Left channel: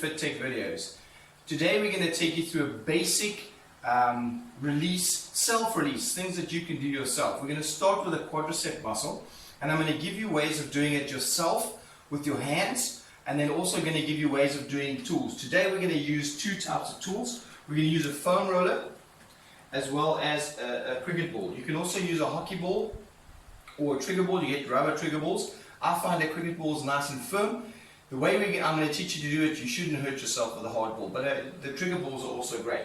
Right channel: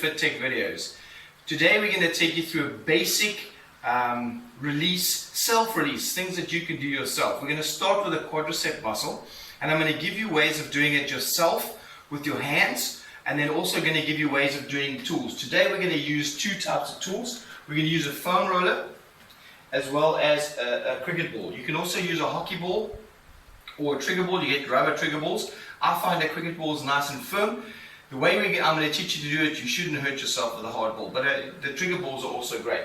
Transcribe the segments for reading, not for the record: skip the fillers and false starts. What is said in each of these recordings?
Fit Tech videos. Today we're going to take you through a basic release, self-release, things that you can do yourself. We're going to start with a quadricep muscle, and I'm going to give you ways of doing it yourself with your hands, and then also going to give you ways of doing tools. Today we're going to use two types of tools. We're going to use a foam roller as well as a cricket ball. You can also use a hockey ball or a trigger ball. You get rubber trigger balls. I find a cricket ball is nice and firm. The way I'm going to teach you to do it, you shouldn't hurt yourself with a hard ball, but the trigger balls are also great.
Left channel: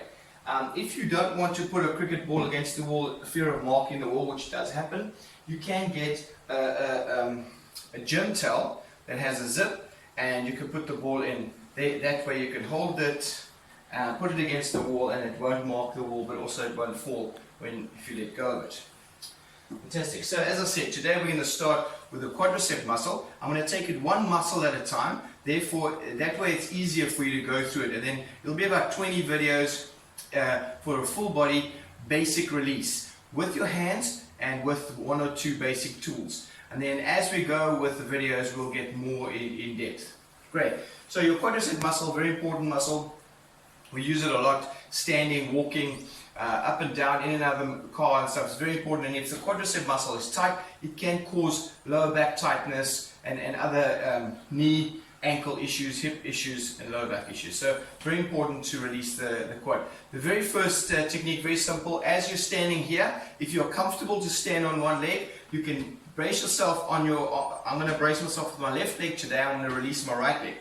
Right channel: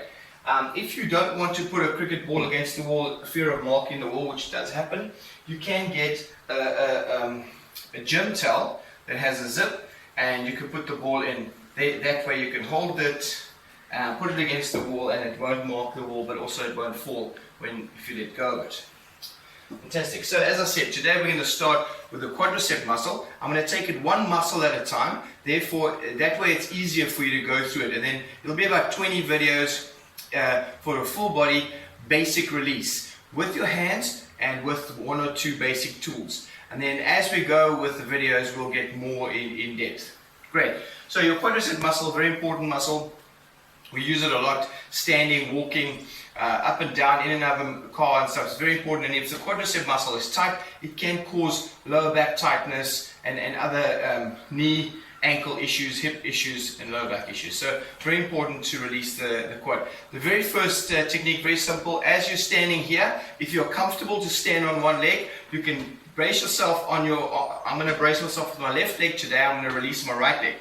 If you don't want to put a cricket ball against the wall, fear of marking the wall, which does happen, you can get a gym towel that has a zip, and you can put the ball in. That way you can hold it, put it against the wall, and it won't mark the wall, but also it won't fall if you let go of it. Fantastic. So as I said, today we're going to start with the quadricep muscle. I'm going to take it one muscle at a time. Therefore, that way it's easier for you to go through it. And then it'll be about 20 videos for a full body basic release with your hands and with one or two basic tools. And then as we go with the videos, we'll get more in depth. Great. So your quadricep muscle, very important muscle. We use it a lot, standing, walking, up and down, in and out of the car and stuff. It's very important. And if the quadricep muscle is tight, it can cause lower back tightness and other knee, ankle issues, hip issues, and lower back issues. So very important to release the quad. The very first technique, very simple. As you're standing here, if you're comfortable to stand on one leg, you can brace yourself on your, I'm going to brace myself with my left leg today. I'm going to release my right leg.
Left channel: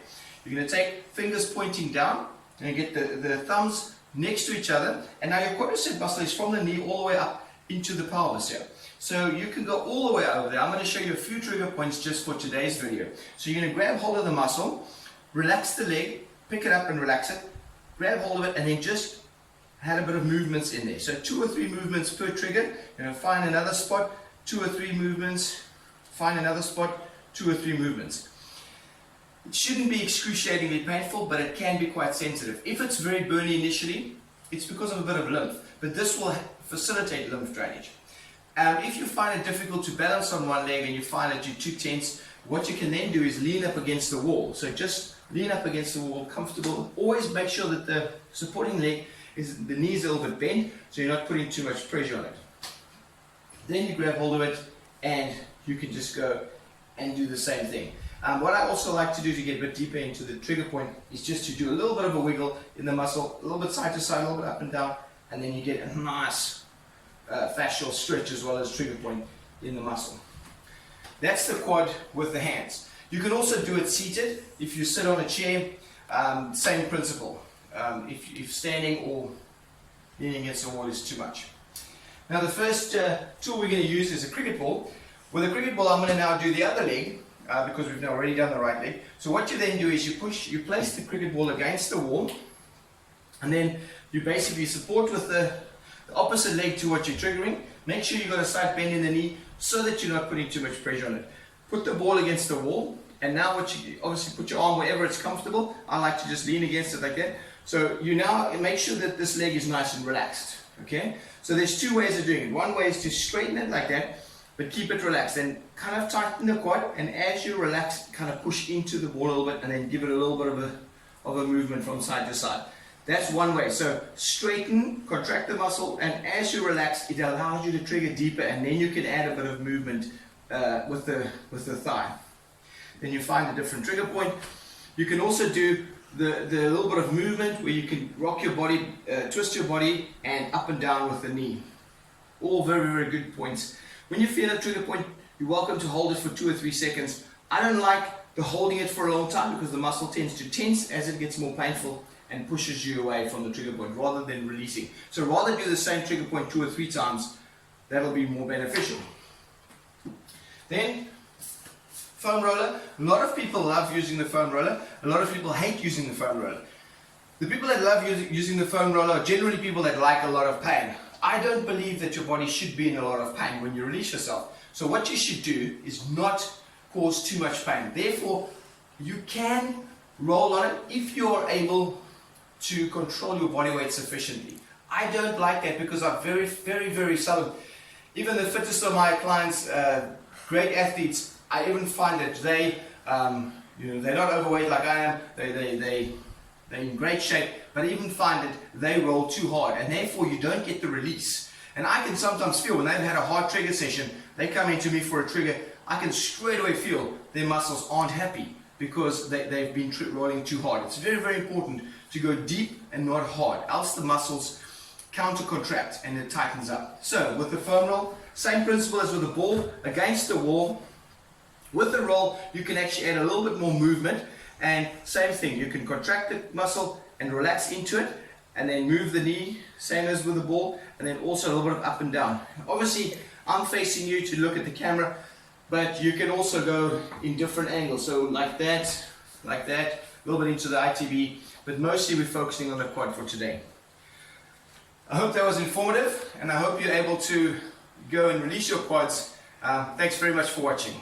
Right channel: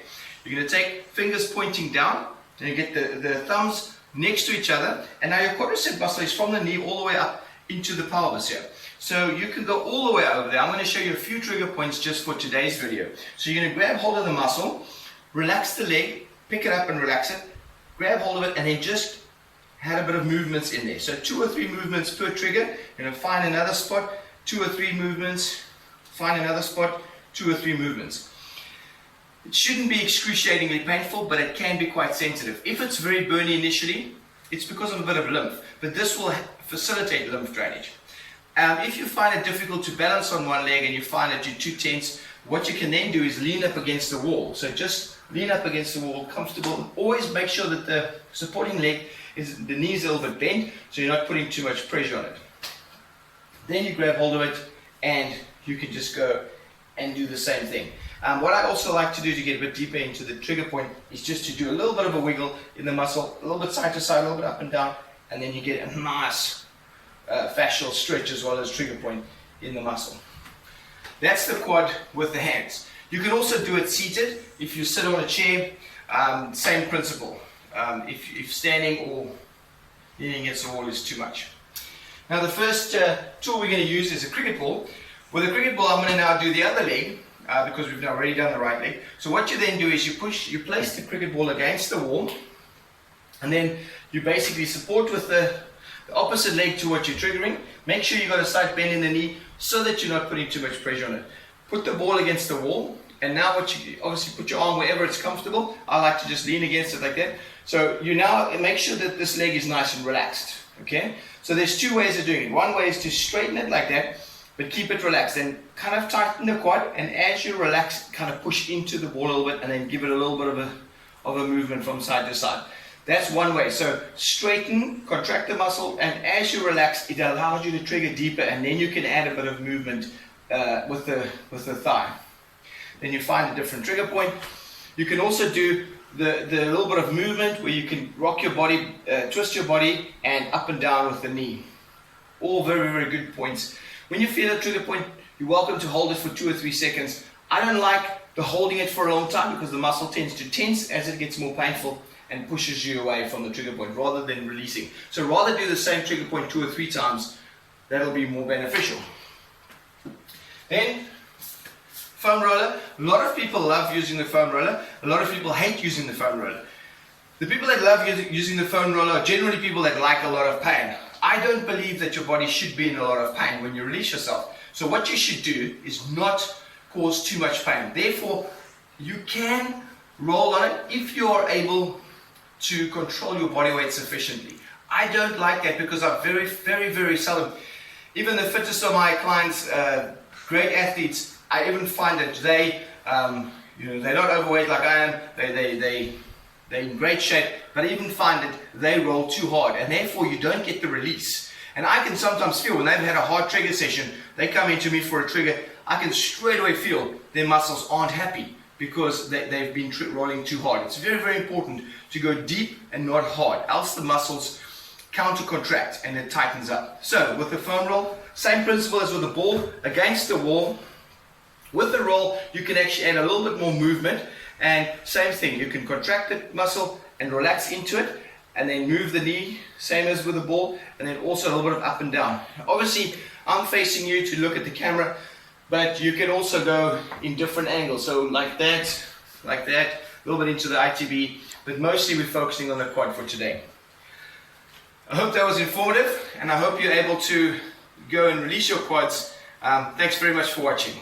You're going to take fingers pointing down, and you get the thumbs next to each other, and now your quadricep muscle is from the knee all the way up into the pelvis here. So you can go all the way over there. I'm going to show you a few trigger points just for today's video. So you're going to grab hold of the muscle, relax the leg, pick it up and relax it, grab hold of it, and then just have a bit of movements in there. So 2 or 3 movements per trigger. You're going to find another spot, 2 or 3 movements, find another spot, 2 or 3 movements. It shouldn't be excruciatingly painful, but it can be quite sensitive. If it's very burny initially, it's because of a bit of lymph, but this will facilitate lymph drainage. If you find it difficult to balance on one leg and you find that you're too tense, what you can then do is lean up against the wall. So just lean up against the wall, comfortable. Always make sure that the supporting leg the knee is a little bit bent, so you're not putting too much pressure on it. Then you grab hold of it, and you can just go and do the same thing. What I also like to do to get a bit deeper into the trigger point is just to do a little bit of a wiggle in the muscle, a little bit side to side, a little bit up and down, and then you get a nice fascial stretch as well as trigger point in the muscle. That's the quad with the hands. You can also do it seated. If you sit on a chair, same principle. If standing or leaning against the wall is too much. Now the first tool we're going to use is a cricket ball. With a cricket ball, I'm going to now do the other leg, because we've now already done the right leg. So what you then do is you place the cricket ball against the wall, and then you basically support with the opposite leg to what you're triggering. Make sure you've got a slight bend in the knee so that you're not putting too much pressure on it. Put the ball against the wall, and now obviously put your arm wherever it's comfortable. I like to just lean against it like that. So you now make sure that this leg is nice and relaxed. Okay? So there's 2 ways of doing it. One way is to straighten it like that, but keep it relaxed, and kind of tighten the quad, and as you relax, kind of push into the ball a little bit, and then give it a little bit of a movement from side to side. That's one way. So straighten, contract the muscle, and as you relax, it allows you to trigger deeper, and then you can add a bit of movement with the thigh. Then you find a different trigger point. You can also do the little bit of movement where you can rock your body, twist your body, and up and down with the knee. All very, very good points. When you feel a trigger point, you're welcome to hold it for 2 or 3 seconds. I don't like the holding it for a long time because the muscle tends to tense as it gets more painful and pushes you away from the trigger point rather than releasing. So rather do the same trigger point 2 or 3 times. That'll be more beneficial. Then, foam roller. A lot of people love using the foam roller. A lot of people hate using the foam roller. The people that love using the foam roller are generally people that like a lot of pain. I don't believe that your body should be in a lot of pain when you release yourself. So what you should do is not cause too much pain. Therefore, you can roll on it if you are able to control your body weight sufficiently. I don't like that because I'm very, very, very seldom. Even the fittest of my clients, great athletes, I even find that they're not overweight like I am. they're in great shape, but I even find that they roll too hard, and therefore you don't get the release. And I can sometimes feel when they've had a hard trigger session, they come into me for a trigger, I can straight away feel their muscles aren't happy because they've been rolling too hard. It's very, very important to go deep and not hard, else the muscles counter-contract and it tightens up. So with the foam roll, same principle as with the ball, against the wall. With the roll, you can actually add a little bit more movement, and same thing, you can contract the muscle and relax into it, and then move the knee, same as with the ball, and then also a little bit of up and down. Obviously, I'm facing you to look at the camera, but you can also go in different angles, so like that, a little bit into the ITB, but mostly we're focusing on the quad for today. I hope that was informative, and I hope you're able to go and release your quads. Thanks very much for watching.